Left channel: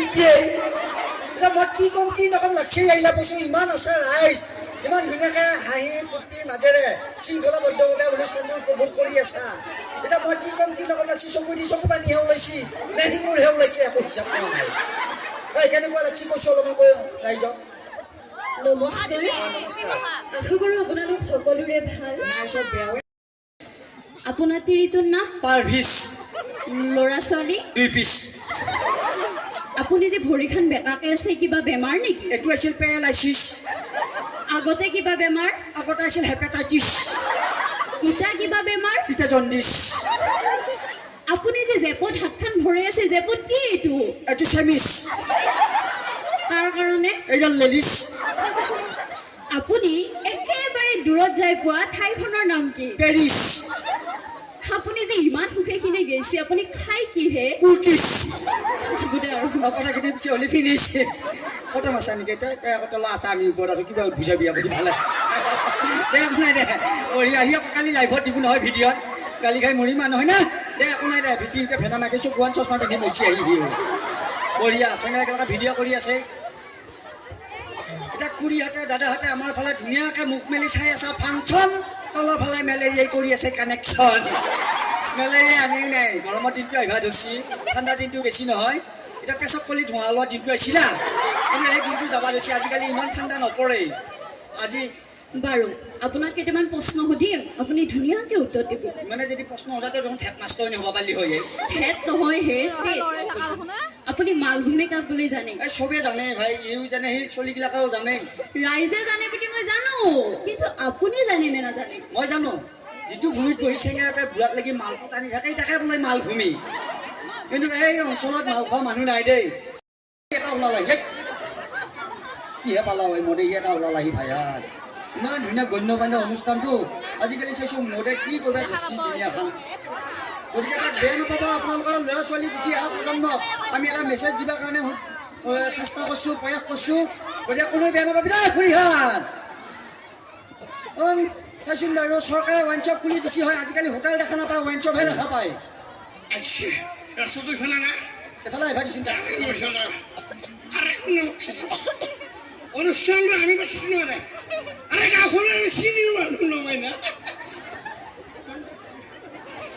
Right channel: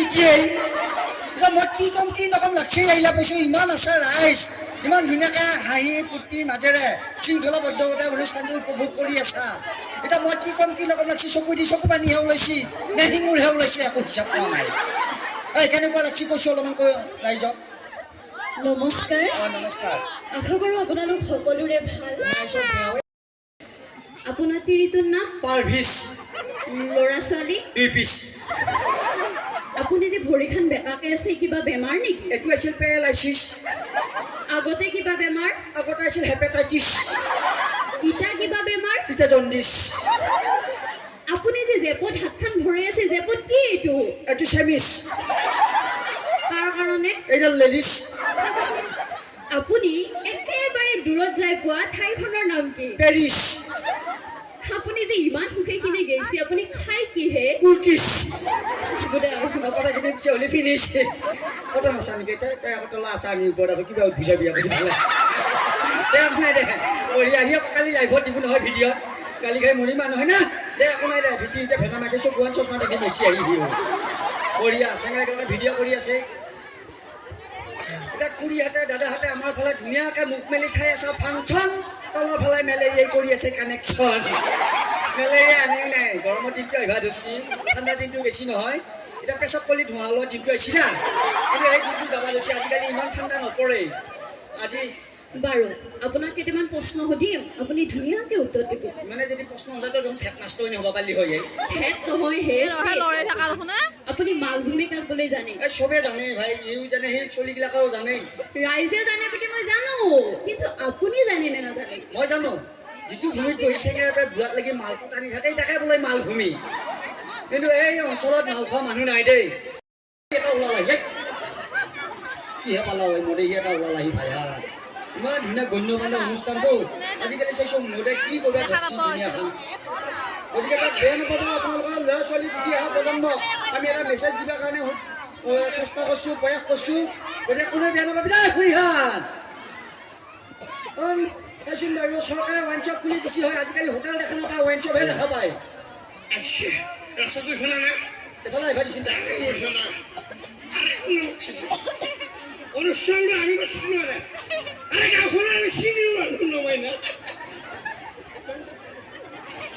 নেকি এতিয়া মই কি ক'ম কি নক'ম লাগছি আহিলা কৈছোঁ ইমান আছে ৰাইজ ইমান ধুনীয়াকৈ হাঁহি ফূৰ্তিৰ মাজেৰে শৃংখলাবদ্ধভাৱে অনুষ্ঠানটো উপভোগ কৰি আছা এতিয়া মই কি ক'ম কি নক'ম লাগছি চকু দি চকু পানীহে ওলাইছি নে শিঙুৰহে ওলাইছি একো হিচাপ পোৱা নাই কেনেকুৱা লাগছি কৈছোঁ অলপমান কৈ ৰাইজক নমস্কাৰ নমস্কাৰ আশা কৰোঁ আপোনালোক সকলোৰে ভাল আপোনাৰ তিৰিটোৰ নাম পাৰ্ভিচ ল'ৰা ছোৱালী 2 পিচ আপুনি যে ভৰিখন বেকাকৈ আছে কিবা বেমাৰ নেকি এইটো আছিল পেৰালাইচিছ আগতে কিবা বেমাৰ আগতে আছিল হেপাটাইটিছ ইটা কিবা বেমাৰ এতিয়া জণ্ডিছ আপুনি যে জেপত হাতখন ভৰি আছে জেপত কি এইটো এইটো চেমিছ কাৰ কাৰণে এইডাল লেডিছ আপুনি একেবাৰে দূৰত যাই পোৱা ঠাইখনৰ নাম কি পেৰিছ আপুনি যে ইমান সুখেখিনি গৈছে আপুনি খাই কিহে কুকিছ বোলে আৰু কথাখিনি পিছে হ'লে ফিনিছ কত আছা নেকি তই কতলা আছা আমি ওপৰত আছোঁ কিবা বুজাবি আপুনি ভালে দে একো নাই দে পঢ়ি আহি কালি লাইভত দিব নহয় ভিডিঅ'ত কালি খাই মৰি মানুহ হয় না দে একো নাই দে ভিডিঅ'তে ভেটা মাকে চকুৱান চশমা পিন্ধি বচি আহিবি বঢ়িয়া চেঙেৰাকেইটাকে ভিডিঅ' কৰি আছে এতিয়া খুৰীহঁতে দাদাহঁতে আমাৰ ফালে ধুনীয়াকৈ মুখ মেলি চাই আছে ফাংচন তলৰ ফালে মেলেৰিয়াই কৰি আছে কানেকশ্যন মেলেৰিয়া আনে নাই গৰমৰ দিনটো আহিবা ধৰিছি ঠাণ্ডা দিনটো বেছি নহয় এতিয়া পেচাব কৰি ধোঁৱা ওলোৱা দিনটো আহিছি না কিন্তু সেই দিনটো যাব ধৰিছে আজিকালি ইমান ঠাণ্ডা নপৰে আজি বাৰু আপোনাক কেইটামান প্ৰশ্ন সুধিম আপুনি ধুনীয়াকৈ উত্তৰ দিব মানে যদি প্ৰশ্ন সোধাটো দেখোন ঠেক মাষ্টৰ হ'ব পাৰিলি হয় ঠেট নহয় হে আপুনি মালভূমি কাক বুলি জানে এই চবেই জানে ভাই ইও জানে সেই চলিবিলাকেও জানে ৰাইজে জানে বুলি মই জানো কিন্তু আপুনি জানে নে নাজানে মই জানো যিটো ভূমিত বহি চেঙেৰাৰ পৰা বুঢ়াত লাগি মালটো টানি থাকে তাকে বোলে মালভূমি কিন্তু এই অঞ্চলত মাল খোৱা মানুহ নাই দেই এটা ওলালাহি কিহে পালা হয় মদে এটা ওলালাহি ভাইয়া ইমান ধুনীয়া গণ্যমান্য অনুষ্ঠানটো আজিকালি চাইছোঁ মদে কি কৰিব ধৰিছি দুনীয়াখন গতিকে তাক বেয়া নাপাব আপোনালোকৰ ল'ৰা ছোৱালী উঠি অহা প্ৰজন্মক আমি এটা মেছেজ দিবৰ কাৰণে চেষ্টা কৰিছোঁ প্ৰয়াস কৰিছোঁ গতিকে কোনোৱে বেয়া নাপাবি দেই খুৰীহান চাইচোন বাৰু চৰকাৰে ৱাইন শ্বপ খুলি দিছে হয় আজিকালি হোটেল দেখা নাপায় ৱাইন শ্বপহে দেখা পায় ৰাস্তাটো ইফালে নাই এফালে আহিবা দিছোঁ অনুষ্ঠানটো আমি পাচ্ছি না আরে গাঁওখনে আমি চিনিও মানুহ নহয় না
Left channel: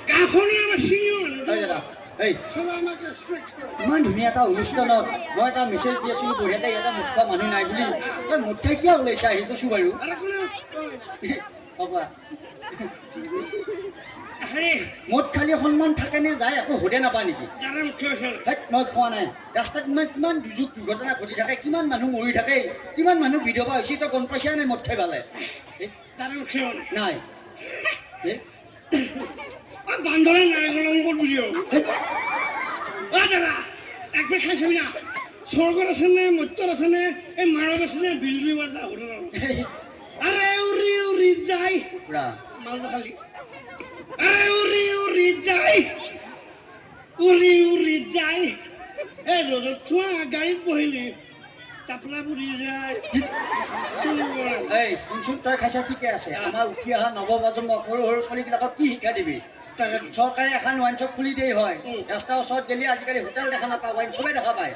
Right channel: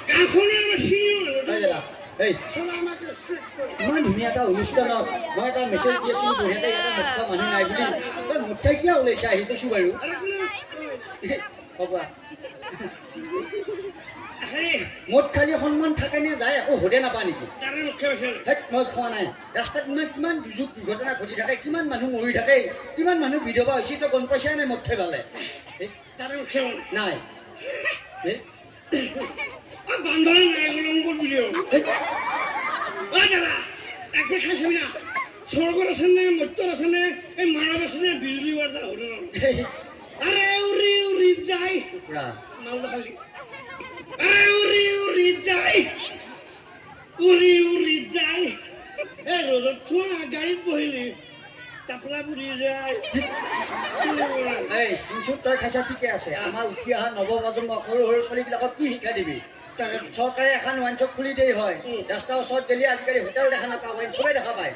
গাঁওখনে আমি চিনিও মানুহ এই চব আমাক ৰেচপেক্ট কৰে ইমান ধুনীয়া এটা অনুষ্ঠানত মই এটা মেছেজ দি আছোঁ বঢ়িয়াকৈ ইয়াতে মদ খোৱা মানুহ নাই বুলি তই মদ খাই কিয় ওলাইছা আহি কৈছোঁ বাৰু আরে কোনো কয় না হ'ব আরে মদ খালি সন্মান থাকে নে যায় একো সোধে নাপা নেকি তাৰে মুখ্য আছে মই খোৱা নাই ৰাস্তাত কিমান দুৰ্যোগ দুৰ্ঘটনা ঘটি থাকে কিমান মানুহ মৰি থাকে কিমান মানুহ বিধৱা হৈছে তই গম পাইছা নাই মদ খাই পালে তাৰে মুখ্য নাই বান্ধৰে নাৰায়ণ বুঝিও ও দাদা একবার খাইছো না স্বর্গর আছে না মত্যর আছে না এই মারার আছে না বিজুলি বাজা হলো আরে উরি উরি যাই মাল খালি আরে উরি উরি যাই উরি উরি যাই এই রোদত থোৱা গাড়ীত বহিলি তাপলা বুড়ি যায় এই শুনচোন তই খাইছা ঠিকে আছে আমাৰ উঠি অহা নৱপ্ৰজন্ম সৰু সৰু ছোৱালীবিলাকক কি শিক্ষা দিবি চৰকাৰে এখন ৱাইন শ্বপ খুলি দিয়ে হয় ৰাস্তাৰ ওচৰত গ'লে আজিকালি হোটেল দেখা নাপায় ৱাইন শ্বপে দেখা পায়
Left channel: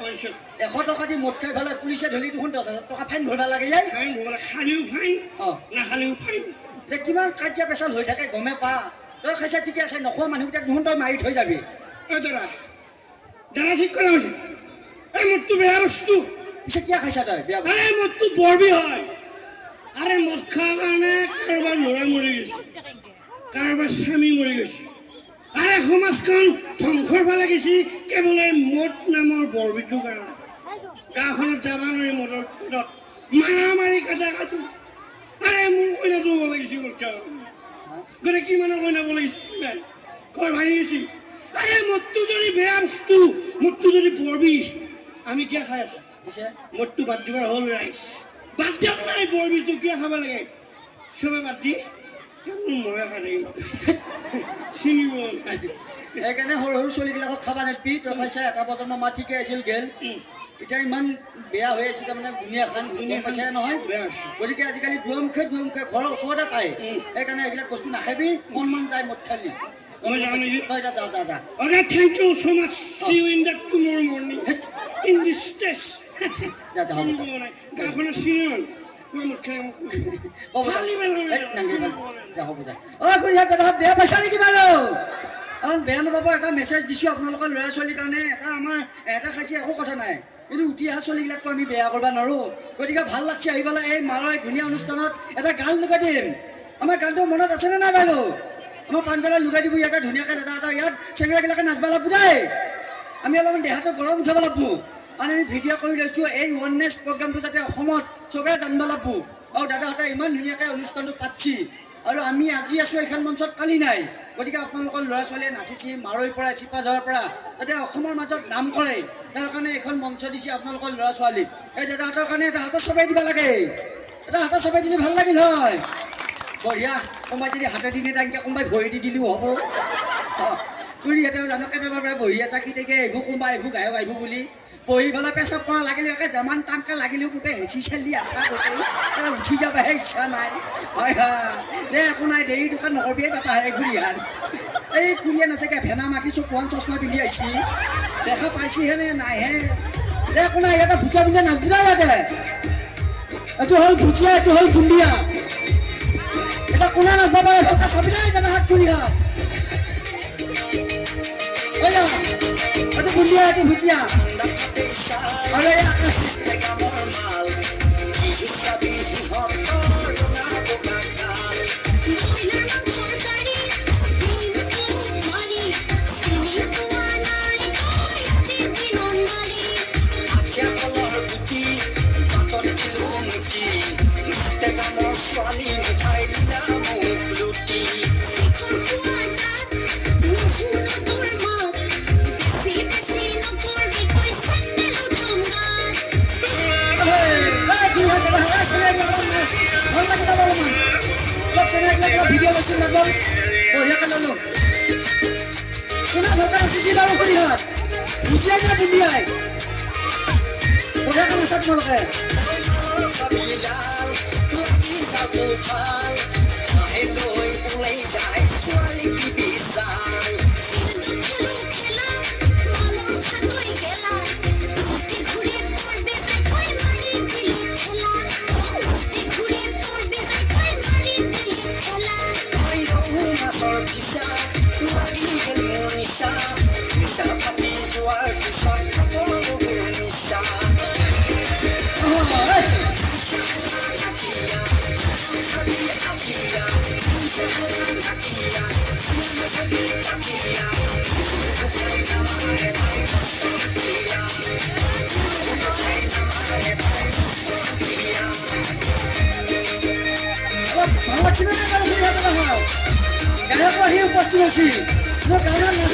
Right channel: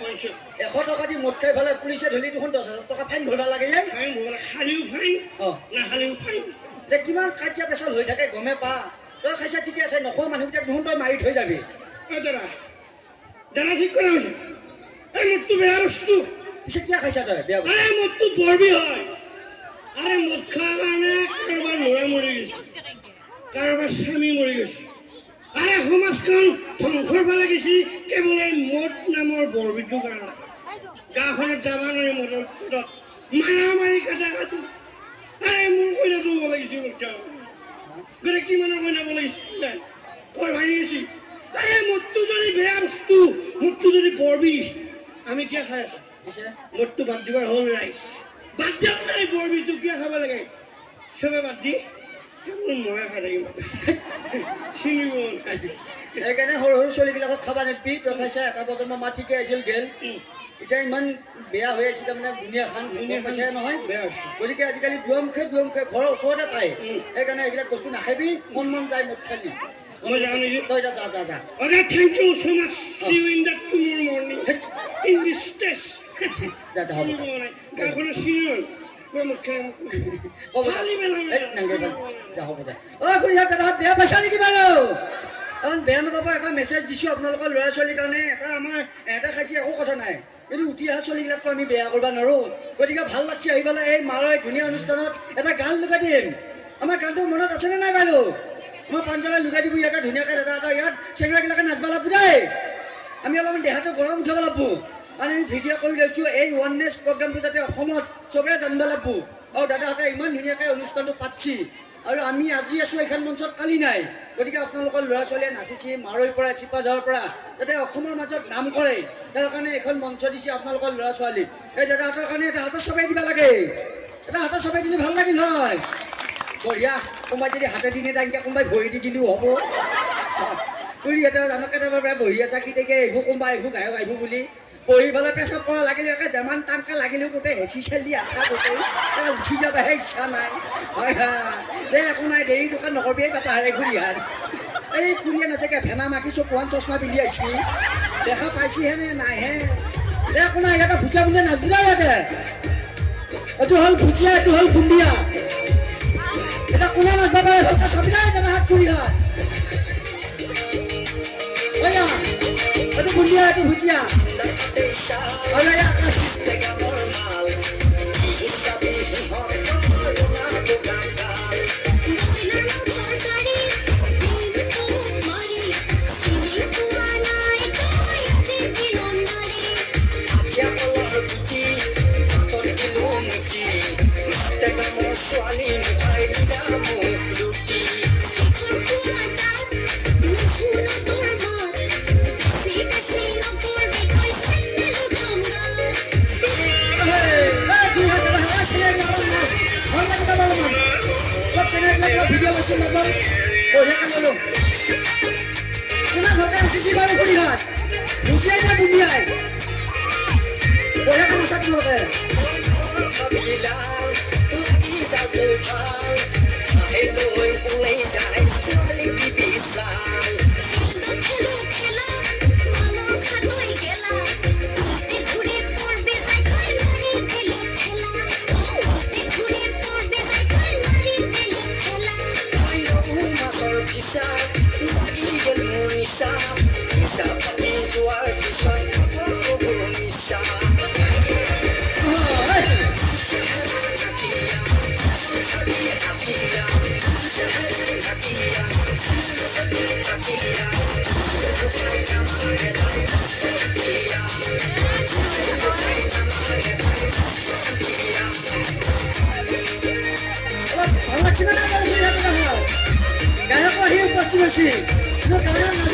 100 টকা দি মদ খাই পেলাই পুলিচে ধৰি দেখোন 10,000 টকা ফাইন ভৰিব লাগে যায় খালিও ফাইন নাখালিও ফাইন এতিয়া কিমান কাৰ্য পেচাল হৈ থাকে গমে পা তই খাইছা ঠিকে আছে নখোৱা মানুহকেইটাক দেখোন তই মাৰি থৈ যাবি দাদা দাদা ঠিক কৰা হৈছে এই মদটো বেয়া বস্তু পিছে কিয় খাইছা তই বেয়া আরে মদটো বৰবি হয় আৰে মদ খোৱাৰ কাৰণে কাৰোবাৰ ল'ৰা মৰি গৈছে কাৰোবাৰ স্বামী মৰি গৈছে আৰে সমাজখন ধ্বংসৰ ফালে গৈছে কেৱল মদ নামৰ বৰবিটোৰ কাৰণে গাঁওখনত যাব নোৱাৰি মদৰ পদত মাৰামাৰি কাটা কাটো আৰে মোৰ কইনাটো হ'ব লাগিছিল গতিকে কিমানৰ কইনা হ'ব লাগিছিল কয় ভাঙি গৈছে আৰে মদটো যদি বেয়া বস্তু মদটো যদি বৰবি আমি কিয় খাই আছো পিছে মদটো বাদ দিবাৰ হ'ল ৰাইজ বাদ দিয়ক নাই বৰবিটো কিয় খাব লাগে চবে বাদ দি কেৱল ময়ে খাই থাকিম চিনিব সেইকাৰণে সৰু সৰু ছোৱালীবিলাকক খাবা নেপি তই খাইছা এটা প্ৰজন্ম মা ঠিকে আছিল গেল এতিয়া ইমান বেয়া হৈ আছে তাৰমানে দুনীয়াখন গম পাইছে নহয় বেয়া আছে গতিকে আজিকালি দুৱামুখে ঘৰৰ ওচৰতে পায় সেইকাৰণে এইবিলাক বস্তু নাখাবি মন যায় মদ খালি মই জানো তই যা যা যা Okay, thank you so much. See you in the tomorrow morning. In the মিষ্টেচ যা যা হ'ব গাঁওখনৰ চিনিয়ৰ হ'ব যা হ'ব যা অ' খুৰীহঁত দাদাহঁত বেয়া পাইছা নেকি বাৰু কাৰণ বেয়া নাপাব এটা মেছেজ দিছোঁ আপোনালোকৰ ল'ৰা ছোৱালীৰ কাৰণে এটা আমাৰ এটা খাইছে একো কথা নাই কিন্তু উঠি অহা ছোৱালীবিলাকতো আমি বেয়া কৰিব নোৱাৰোঁ গতিকে ভাল লাগছে আহি পেলাই এই মাৰৰ এই ধুনীয়া অনুষ্ঠানত এটা গান লগাই দিম আমাৰ গানটো মনত আছেনে নাই বাৰু আমাৰ পাঞ্জাৱে লগাই দিব ইয়াতে ধুনীয়াকৈ দাদা এটা ইয়াত চেঙৰাগিলাকে নাচবা লাগব দেই আমি অলপমান দেহাটো গৰম উঠাব লাগব আৰু আমি ভিডিঅ' কৰি লৈছোঁ এই ওৱাননেছ প্ৰগ্ৰামটো যাতে অসমত চবেই জানিব লাগব আৰু দাদাহঁতে ইমান ধুনীয়াকৈ অনুষ্ঠানটো পাতছি আৰু আমি আজি আছোঁ এইখন মঞ্চত কালি নাই গতিকে আপোনালোকৰ ল'ৰা ছোৱালীয়ে নাচিছে মাৰৈৰ পৰা চিপাঝাৰৰ পৰা যাতে অসমৰ মাজত নাম কৰে তাৰ কাৰণে এইখন মঞ্চ দিছে আপোনালোকৰ ল'ৰা ছোৱালীক এই দাদাহঁতৰ কাৰণে এটা হাতত চবেই দিব লাগে এটা হাতত চবেই দিলে ভাল লাগিল হয় বঢ়িয়া কোনোবাই যদি হাতে দি নেদাকে কোনোবাই ভৰি দি দিলেও হ'ব খুৰীহঁতে জানো কেতিয়াবা প্ৰায় বহি আছা কি থাকে এইবোৰ কোনোবা এইবোৰ গায়ক আহিব বুলি বহি পেলাই পেচাব কৰা লাগিলে একে যিমান টাংকা লাগিলেও গোটেই হেঁচি চেলি আছা গোটেই তাত উঠি যাবহে ইচ্ছা নাই হয় হয় দে একো নাই দেৰি দোকান নকৰিবি বাপা হেৰে খুৰীহাত এই খুৰীয়ে নাচাকে ভেনা মাতিছোঁ কোৱান চশমা পিন্ধি আহিছি দেখা পাইছিহেনে নাইহে দে একো নাই ইয়াতে ভুজিয়া বুন্দিয়া নাচবিলা ইয়াতে এইটো হ'ল ভুজিয়া এইটো হ'ল বুন্দিয়া এটা কোনা নাচবা পাৰে ভালকৈ চাবি নাই দাদা হাত খুৰীহাত এইটো বুন্দিয়া এইটো ভুজিয়া আৰু এই আকাশ ভিডিঅ' লৈছোঁ মাজত বঢ়িয়াকৈ ল'লোঁ কোনা ভালকৈ নাচিছি বাৰু খুৰীহাত ভুজিয়াই নে বুন্দিয়াই বঢ়িয়াকৈ নাচা তোমালোকে ভাল লাগছিলে নাই বাৰু গায়ক আহি উপস্থিত হৈছি মোৰ গানত